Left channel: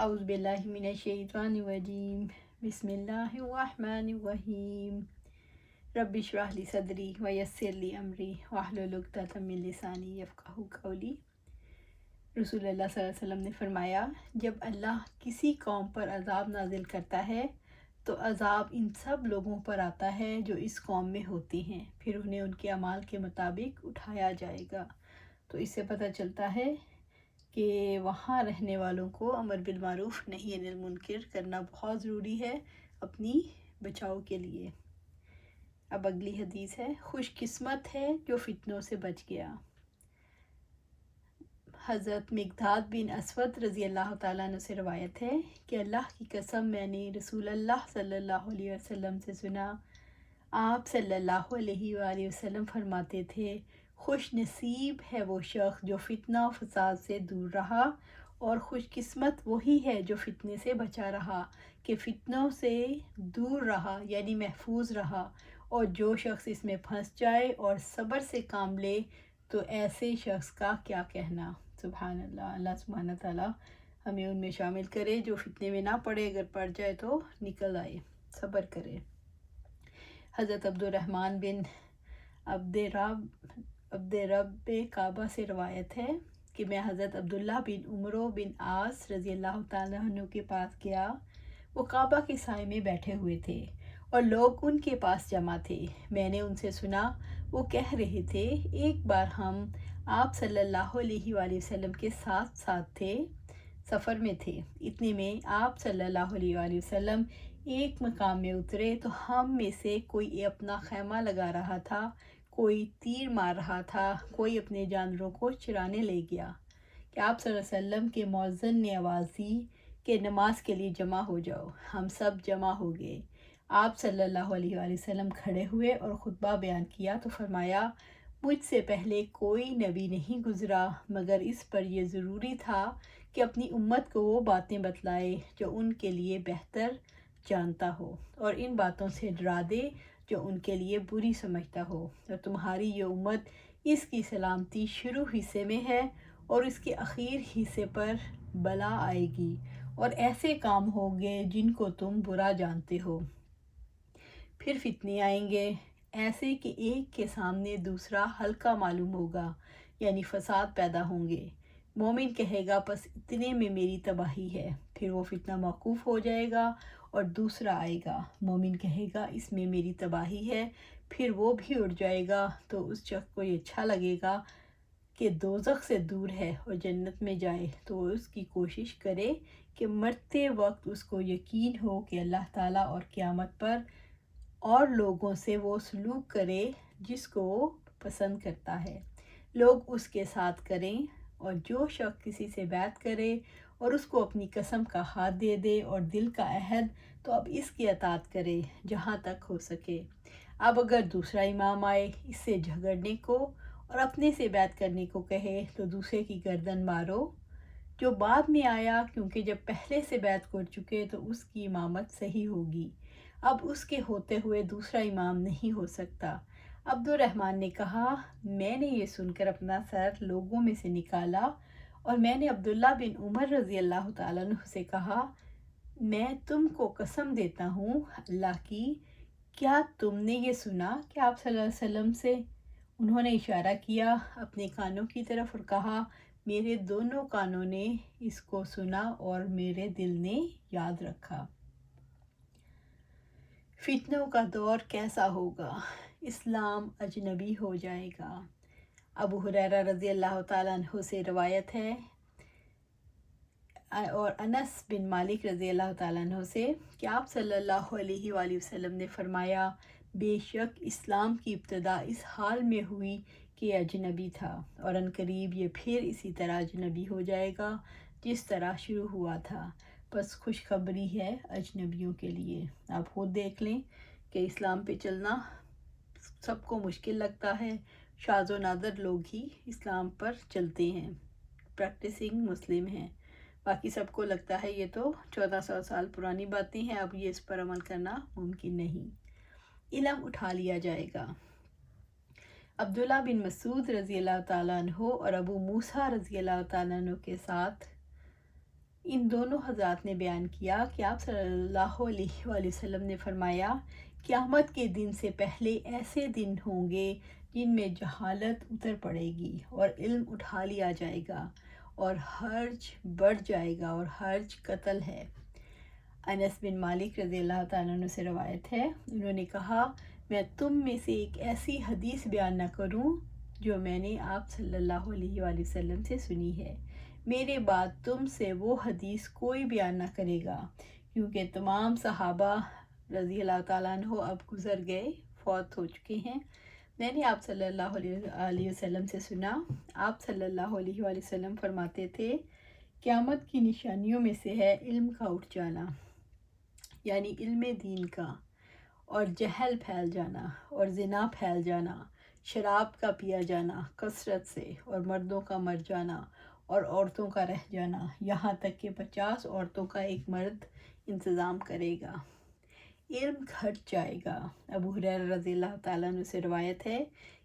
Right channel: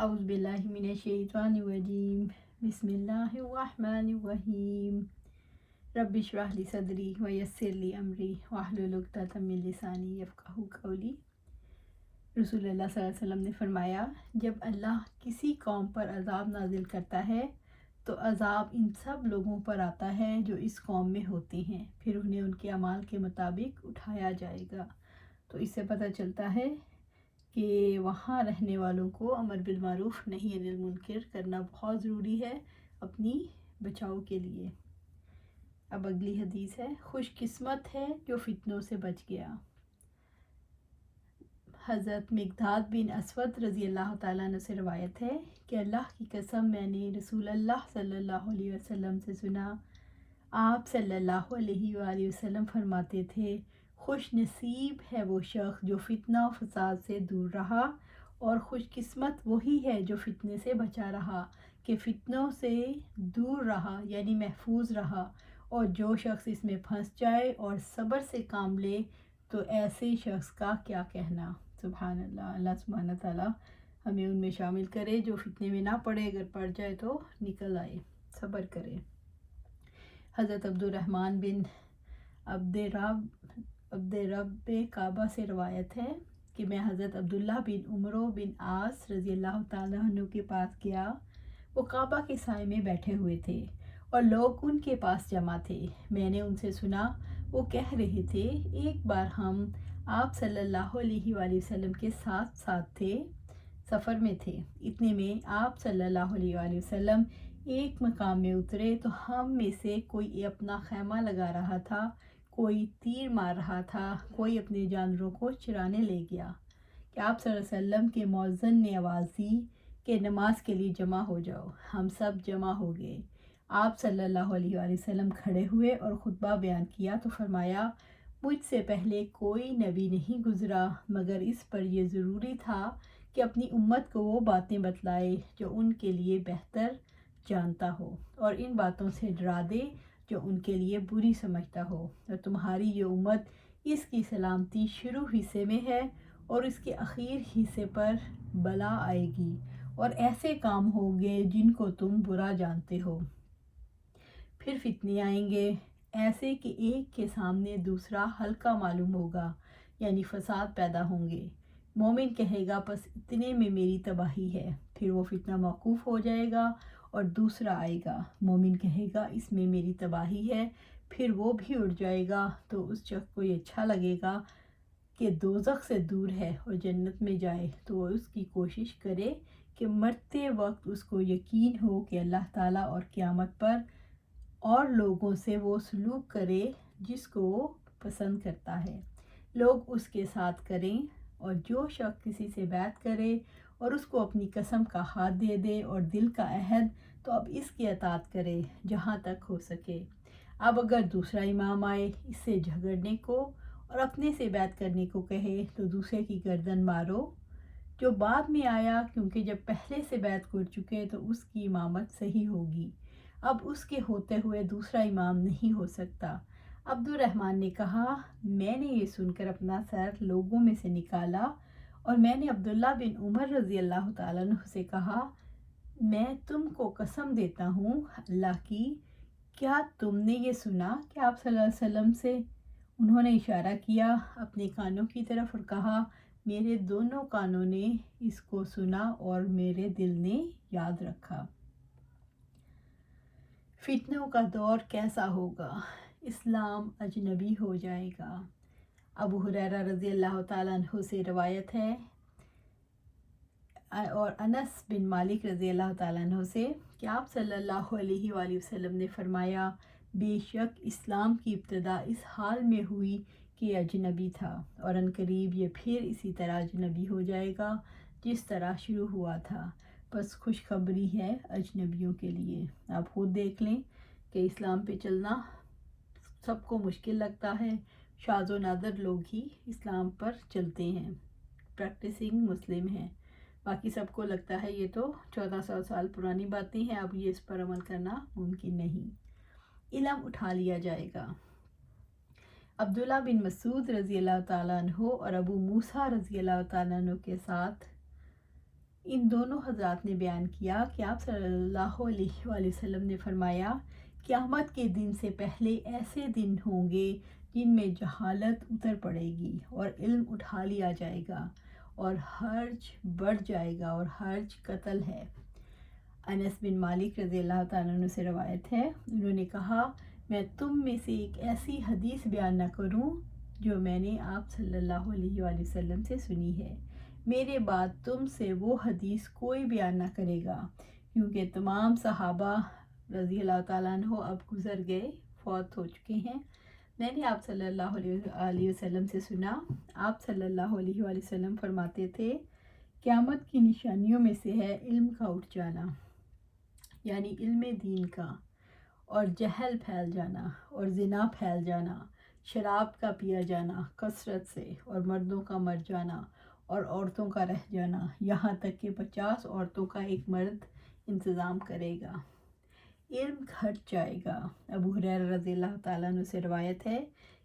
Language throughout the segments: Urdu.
اعوذ باللہ من الشیطان الرجیم بسم اللہ الرحمن الرحیم رب اشرح لی صدری ویسر لی امری واحلل عقدۃ من لسانی یفقہوا قولی۔ رسول اللہ صلی اللہ علیہ وسلم نے فرمایا، جب اللہ کسی قوم پر عذاب نازل کرتا ہے تو عذاب ان سب لوگوں پر آتا ہے جو اس قوم میں ہوتے ہیں، پھر انہیں ان کے اعمال کے مطابق اٹھایا جائے گا۔ تو اس سے پتہ چلتا ہے کہ وہاں رہنے والوں کو امر بالمعروف نہی عن المنکر کرنا بہت ضروری ہے اپنی بچاؤ کے لیے۔ اب اگلی حدیث ہے، خوش قسمت ہے جو فتنوں سے بچ گیا۔ حضرت مقداد بن اسود رضی اللہ تعالیٰ عنہ سے روایت ہے کہ اللہ کی قسم میں نے رسول اللہ صلی اللہ علیہ وسلم سے سنا، آپ صلی اللہ علیہ وآلہ وسلم فرماتے تھے، خوش نصیب ہے وہ شخص جو فتنہ و فساد سے دور رہا، اور خوش قسمت وہی ہے جو فتنے سے بچا رہا، کہ فتنوں سے دور رہا یعنی محفوظ رہا، اور جو شخص اس میں پھنس جائے اور صبر سے کام لے تو ایسے شخص کا کیا کہنا۔ سبحان اللہ، اللہ سبحانہ تعالیٰ ہمیں ان میں شامل کرے جو فتنے میں نہ پڑے، اگر پڑ جائے تو نکل آئے، صبر کرے۔ حضرت عبد الرحمن بن عبد رب کعبہ سے روایت ہے کہ میں حضرت عبداللہ بن عمرو بن عاص رضی اللہ تعالیٰ عنہ کے پاس گیا۔ وہ کعبہ کے سائے میں بیٹھے ہوئے تھے اور لوگ ان کے پاس جمع تھے۔ میں نے ان سے سنا، وہ کہہ رہے تھے، ایک بار ہم آپ صلی اللہ علیہ وآلہ وسلم کے ساتھ تھے، سفر میں تھے، اتنے میں آپ صلی اللہ علیہ وآلہ وسلم ایک مقام میں اترے تو ہم میں سے کوئی اپنا خیمہ لگا رہا تھا، کوئی تیر مار رہا تھا، کوئی اپنے جانوروں کو چرانے لے گیا کہ آپ صلی اللہ علیہ وسلم کے مؤذن نے آواز دی کہ نماز کے لیے جمع ہو جاؤ۔ ہم سب جمع ہو گئے۔ آپ صلی اللہ علیہ وآلہ وسلم کھڑے ہوئے اور خطبہ بیان کیا تو فرمایا، مجھ سے پہلے کوئی نبی نہیں گزرا مگر اس پر یہ ضروری تھا کہ اپنی امت کو وہ باتیں بتلائے جو ان کے لیے بہتر جانتا ہو، اور ان باتوں سے ڈرا دے جو ان کے لیے بری سمجھتا ہو، اور تمہاری یہ امت اس کی سلامتی شروع حصے میں ہے اور اس کے اخیر حصے پر بلا آئے گی، اور ایسے کام ہوں گے جن کو تم برا جانتے ہو۔ پھر فتنے آئیں گے ایسے کہ ایک کے سامنے دوسرا ہلکا معلوم ہوگا، یعنی فساد پیدا ہوں گے۔ مومن کہے گا بس اتنے میں میری تباہی ہے، پھر وہ فتنہ موقوف ہو جائے گا اور دوسرا آئے گا۔ مومن کہے گا اس میں میری تباہی ہے، پھر وہ بھی اڑ جائے گا، تو اس شخص کو یہ اچھا لگے گا کہ دوزخ سے دور ہے اور جنت میں جائے، تو وہ اس کی کوشش کرے کہ مرتے وقت اس کو یقین ہو کہ اللہ تعالیٰ اور قیامت پر اور لوگوں سے وہ سلوک کرے جس کو وہ پسند کرتا ہے، لوگ اس کے ساتھ کریں، اور جو شخص کسی سے بیعت کرے اور اس کو اپنی قسم کا ہاتھ دے دے اور دل کا عہد، تو اب اس کی اطاعت کرے جہاں تک ہو سکے۔ اب اگر دوسرا امام آئے اس سے جھگڑنے کو اور اپنے سے بیعت کرنے کو کہے تو دوسرے کی گردن مارو جو بعد میں آیا، کیونکہ جب پہلے سے بیعت کر چکے تو اس کی امامت صحیح ہوگی، اب اس کے ہوتے ہوئے دوسرا امام نہیں ہو سکتا۔ عبد الرحمن نے کہا، میں نے یہ سن کر اپنا سر لوگوں میں سے نکالا اور میں نے عبداللہ بن عمر رضی اللہ تعالیٰ عنہ سے کہا، میں تم کو قسم دیتا ہوں اللہ کی، کیا تم نے یہ سنا کہ آپ صلی اللہ علیہ وسلم سے؟ انہوں نے اشارہ کیا اپنے کانوں کی طرف اور کہا، میرے دونوں کانوں نے اس کو سنا اور میرے دل نے یاد رکھا۔ فتنوں کا دور کیسا ہوگا؟ اسلام اجنبی ہو جائے گا۔ ابو ہریرہ رضی اللہ تعالیٰ عنہ سے روایت ہے اور انس بن مالک رضی اللہ تعالیٰ عنہ سے کہ آپ صلی اللہ علیہ وآلہ وسلم نے فرمایا، بے شک اسلام کی ابتدا اس حال میں ہوئی کہ یہ اجنبی تھا، اور عنقریب یہ پھر اسی طرح اجنبی ہو جائے گا جس طرح شروع ہوا تھا۔ بس خوشخبری ہے اجنبیوں کے لیے۔ آپ خود دیکھ لیں کہ اسلام پہ چلنا سب کو مشکل لگتا ہے، شاذ و نادر لوگ ہی اسلام پر چلتے ہیں، پریکٹسنگ مسلم ہیں، باقی سب کو لگتا ہے یہ تو 1400 سال پرانی باتیں ہیں، اب یہ اس پر عمل کرنا ممکن نہیں۔ علم اٹھا لیا جائے گا۔ عبداللہ بن مسعود رضی اللہ تعالیٰ عنہ اور ابو موسیٰ رضی اللہ تعالیٰ عنہ کے ساتھ ان دونوں حضرات نے بیان کیا کہ آپ صلی اللہ علیہ وآلہ وسلم نے فرمایا قیامت کے دن سے پہلے ایسے دن ہوں گے جن میں جہالت اتر پڑے گی اور علم اٹھا لیا جائے گا اور حرج بڑھ جائے گا، اور حرج قتل ہے۔ انس بن مالک رضی اللہ تعالیٰ عنہ سے روایت ہے، انہوں نے کہا میں تم میں سے ایک ایسی حدیث بیان نہ کروں جو میں نے آپ صلی اللہ علیہ وآلہ وسلم سے سنی ہے، میرے بعد تم سے وہ حدیث کوئی بیان نہ کرے گا، کیونکہ تمام صحابہ رضی اللہ تعالیٰ عنہ اب گزر گئے، فوت ہو چکے ہیں۔ میں نے آپ صلی اللہ علیہ وسلم سے سنا، آپ صلی اللہ علیہ وآلہ وسلم فرماتے تھے قیامت کی نشانیوں میں سے ہے علم کا اٹھ جانا، یعنی علم دین کا، اور جہل پھیل جانا، اور زنا پھیل جانا، شراب کا پیا جانا کثرت سے، اور مردوں کا مر جانا اور عورتوں کا رہ جانا، یہاں تک کہ 50 عورتوں کا ایک مرد انتظام کرے گا۔ علم گھٹ جائے گا۔ ابو ہریرہ رضی اللہ تعالیٰ عنہ سے روایت ہے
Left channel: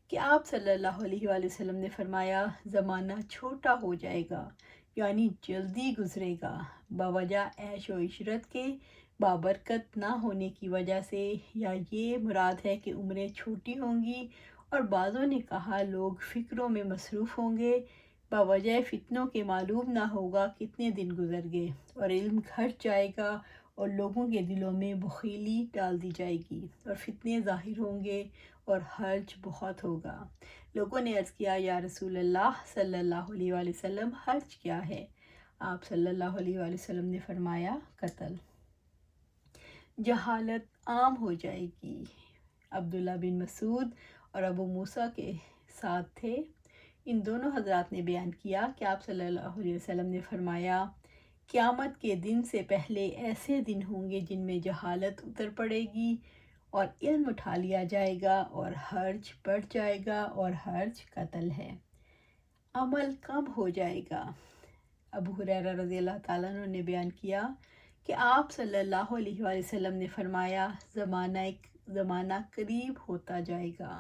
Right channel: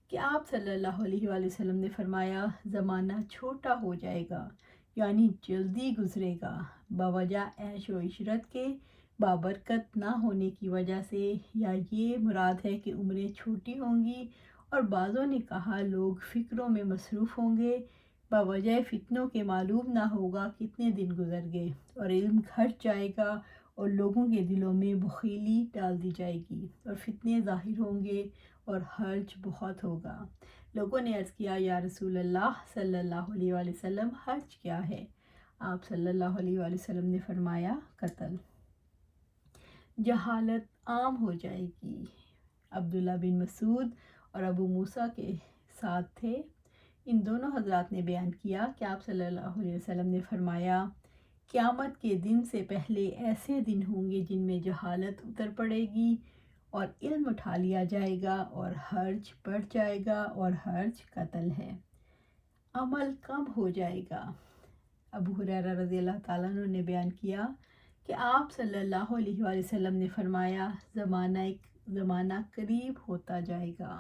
کہ آپ صلی اللہ علیہ وآلہ وسلم نے فرمایا زمانہ چھوٹا ہو جائے گا، یعنی جلدی گزرے گا، بوجہ عیش و عشرت کے بابرکت نہ ہونے کی وجہ سے، یا یہ مراد ہے کہ عمریں چھوٹی ہوں گی، اور بعضوں نے کہا لوگ فکروں میں مصروف ہوں گے، بوجہ فتنوں کے معلوم نہ ہوگا کتنے دن گزر گئے، اور علم گھٹ جائے گا، اور لوگوں کے دلوں میں بخیلی ڈال دی جائے گی، اور فتنے ظاہر ہوں گے، اور حرج بہت ہوگا۔ لوگوں نے عرض کیا یا رسول اللہ صلی اللہ علیہ وآلہ وسلم حرج کیا ہے؟ آپ صلی اللہ علیہ وآلہ وسلم نے فرمایا قتل۔ جہالت عام ہو جائے گی۔ عبداللہ بن مسعود اور ابو موسیٰ کے ساتھ تھے۔ ان دونوں حضرات نے بیان کیا کہ آپ صلی اللہ علیہ وسلم نے فرمایا قیامت کے دن سے پہلے ایسے دن ہوں گے جن میں جہالت اتر پڑے گی اور علم اٹھا لیا جائے گا اور حرج بڑھ جائے گا اور حرج قتل ہے۔ عمل کم ہو جائے گا۔ ابو ہریرہ رضی اللہ تعالیٰ عنہ نے بیان کیا کہ آپ صلی اللہ علیہ وآلہ وسلم نے فرمایا زمانہ قریب ہوتا جائے گا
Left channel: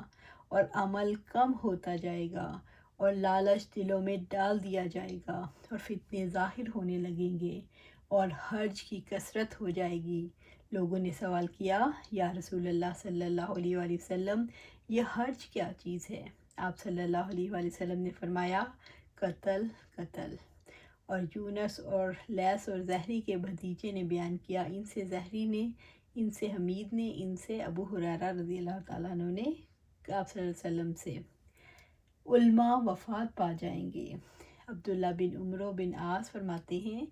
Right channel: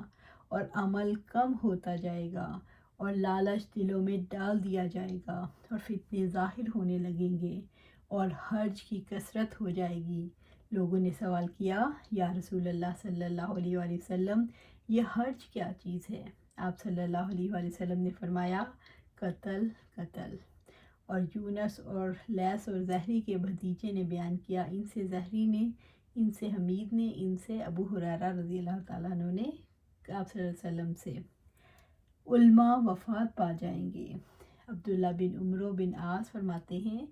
اور عمل کم ہوتا جائے گا اور لالچ دلوں میں ڈال دیا جائے گا اور فتنے ظاہر ہونے لگیں گے اور حرج کی کثرت ہو جائے گی۔ لوگوں نے سوال کیا یا رسول اللہ صلی اللہ علیہ وآلہ وسلم یہ حرج کیا چیز ہے؟ آپ صلی اللہ علیہ وآلہ وسلم نے فرمایا قتل قتل۔ اور یونس اور لیث اور زہری کے بھتیجے نے بیان کیا، ان سے زہری نے، ان سے حمید نے، ان سے ابو ہریرہ رضی اللہ تعالیٰ عنہ نے آپ صلی اللہ علیہ وسلم سے علماء وفات پا جائیں گے۔ عبداللہ بن عمرو بن عاص فرماتے ہیں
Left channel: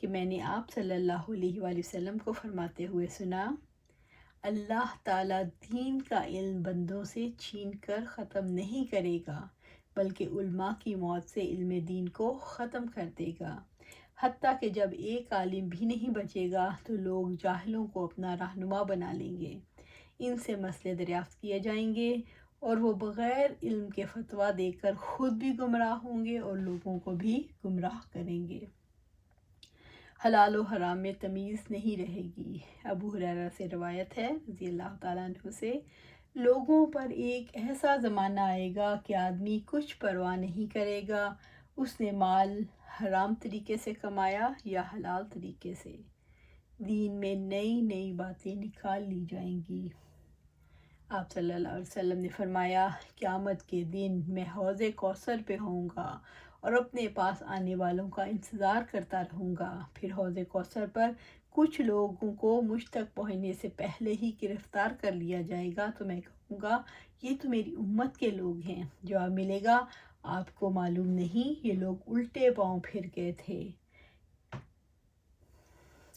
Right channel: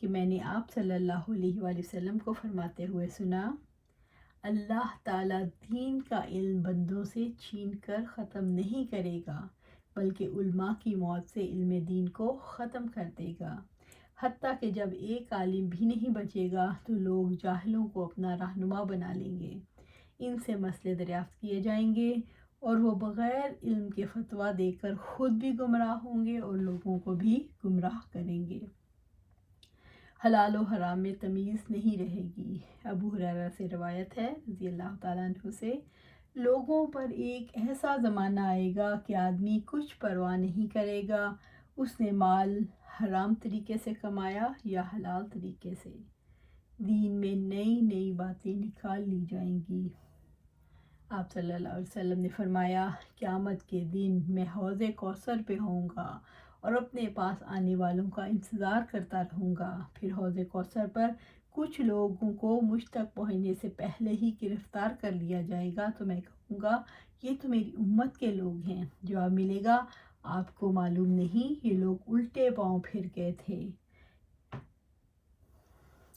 کہ میں نے آپ صلی اللہ علیہ وآلہ وسلم کو فرماتے ہوئے سنا، اللہ تعالیٰ دین کا علم بندوں سے چھین کر ختم نہیں کرے گا، بلکہ علماء کی موت سے علم دین کو ختم کر دے گا، حتیٰ کہ جب ایک عالم بھی نہیں بچے گا تو لوگ جاہلوں کو اپنا رہنما بنا لیں گے، ان سے مسئلے دریافت کیے جائیں گے اور وہ بغیر علم کے فتویٰ دے کر خود بھی گمراہ ہوں گے اور لوگوں کو بھی گمراہ کریں گے۔ حلال و حرام میں تمیز نہیں رہے گی۔ ابو ہریرہ سے روایت ہے رضی اللہ تعالیٰ عنہ سے، لوگوں پر ایک ایسا زمانہ آئے گا کہ آدمی کچھ پرواہ نہیں کرے گا اس نے مال حرام طریقے سے کمایا یا حلال طریقے سے۔ دین میں نئی نئی باتیں نکال لی جائیں گی۔ آپ صلی اللہ علیہ وسلم نے فرمایا قیامت کے دن میں حوض کوثر پہ ہوں گا اور اپنے پاس آنے والوں کا انتظار کرتا رہوں گا، پھر حوض کوثر پر کچھ لوگوں کو مجھ تک پہنچنے سے پہلے ہی گرفتار کر لیا جائے گا تو میں کہوں گا یہ تو میری امت کے لوگ ہیں۔ جواب ملے گا آپ کو معلوم نہیں یہ لوگ الٹے پاؤں پھر گئے تھے۔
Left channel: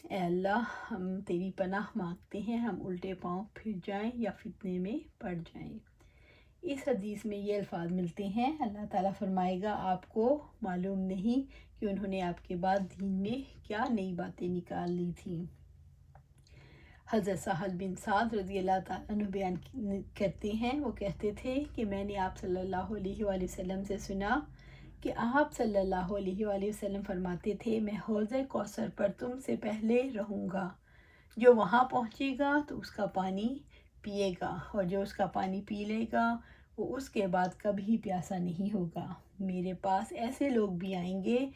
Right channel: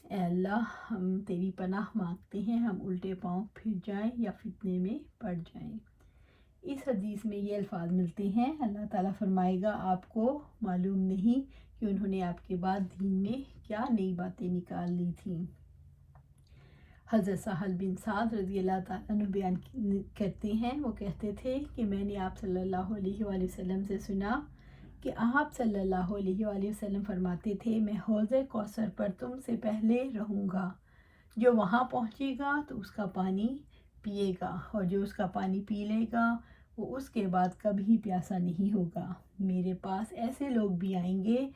اے اللہ ہم تیری پناہ مانگتے ہیں ہم الٹے پاؤں پھر جائیں یا فتنے میں پڑ جائیں۔ اس حدیث میں یہ الفاظ ملتے ہیں، اللہ تعالیٰ فرمائے گا آپ کو معلوم نہیں کہ انہوں نے آپ کے بعد دین میں کیا نئی باتیں نکال لی تھیں۔ حضرت سہل بن سعد رضی اللہ تعالیٰ عنہ بیان کرتے ہیں، وہ کہتے تھے کہ میں نے آپ صلی اللہ علیہ وآلہ وسلم سے سنا کہ آپ صلی اللہ علیہ وآلہ وسلم فرماتے تھے میں حوض کوثر پر تم سے پہلے رہوں گا، جو وہاں پہنچے گا تو اس کا پانی پیے گا اور جو اس کا پانی پی لے گا وہ اس کے بعد کبھی پیاسا نہیں ہوگا۔ میرے پاس ایسے لوگ بھی آئیں گے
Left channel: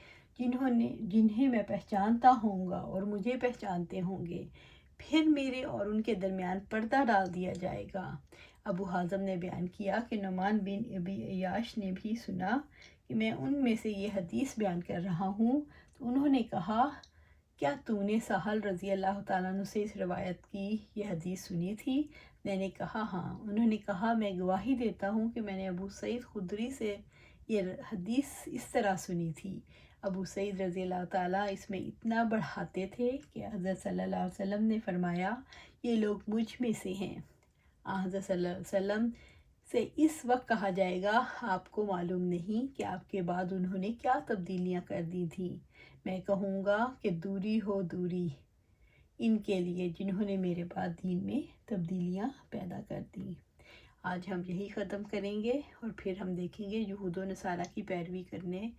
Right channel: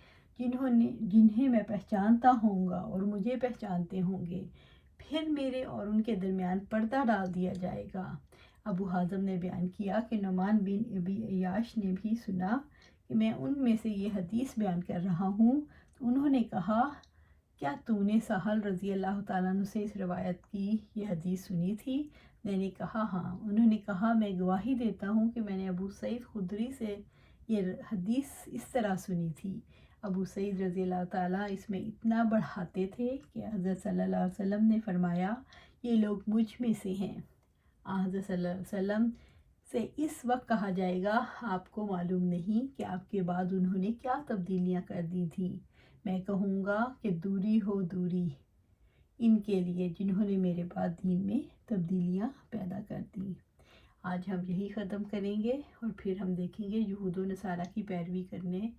جنہیں میں پہچانتا ہوں گا اور مجھے پہچانتے ہوں گے، پھر میرے اور ان کے درمیان پردہ ڈال دیا جائے گا۔ ابو حازم نے بیان کیا کہ نعمان بن ابی عیاش نے بھی سنا کہ میں ان میں سے یہ حدیث بیان کر رہا ہوں، تو انہوں نے کہا، کیا تو نے سہل رضی اللہ تعالیٰ عنہ سے اس روایت کی یہ حدیث سنی تھی؟ میں نے کہا ہاں۔ انہوں نے کہا، میں گواہی دیتا ہوں کہ میں نے ابو سعید خدری سے یہ حدیث اس طرح سنی تھی۔ ابو سعید رضی اللہ تعالیٰ اس میں اتنا بڑھاتے تھے کہ حضرت صلی اللہ علیہ وسلم نے فرمایا، یہ لوگ مجھ میں سے ہیں۔ حضرت صلی اللہ علیہ وسلم سے اس وقت کہا جائے گا، آپ کو معلوم نہیں کہ آپ کے بعد انہوں نے کیا تبدیلیاں کر دی تھیں۔ میں کہوں گا کہ دوری ہو دوری ان کے لیے جنہوں نے میرے بعد دین میں تبدیلیاں پیدا کر دیں۔ آج ہم یہی ختم کریں گے اور پھر ہم دیکھیں گے یہود و نصارہ کی پیروی کرنے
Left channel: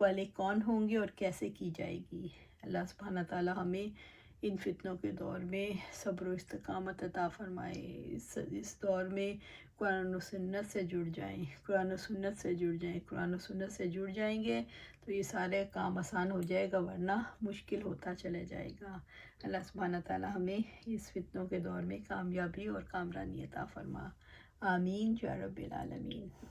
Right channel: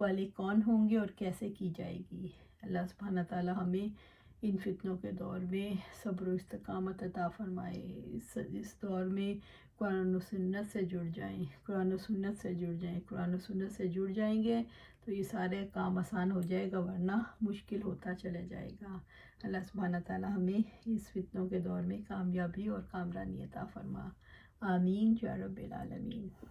والے کون ہوں گے اور کیسے کی جائے گی۔ اللہ سبحانہ تعالیٰ ہمیں ان فتنوں کے دور میں صبر و استقامت عطا فرمائے۔ اس دور میں قرآن و سنت سے جڑ جائیں، قرآن و سنت سے جڑ جائیں، قرآن و سنت سے جڑ جائیں گے تو یہ سارے کام آسان ہو جائے گا، ورنہ مشکل ہوتا چلا جائے گا۔ اللہ سبحانہ تعالیٰ ہمیں اس فتنوں کے دور میں کامیابی اور کامرانی عطا فرما۔ آمین یا رب العالمین۔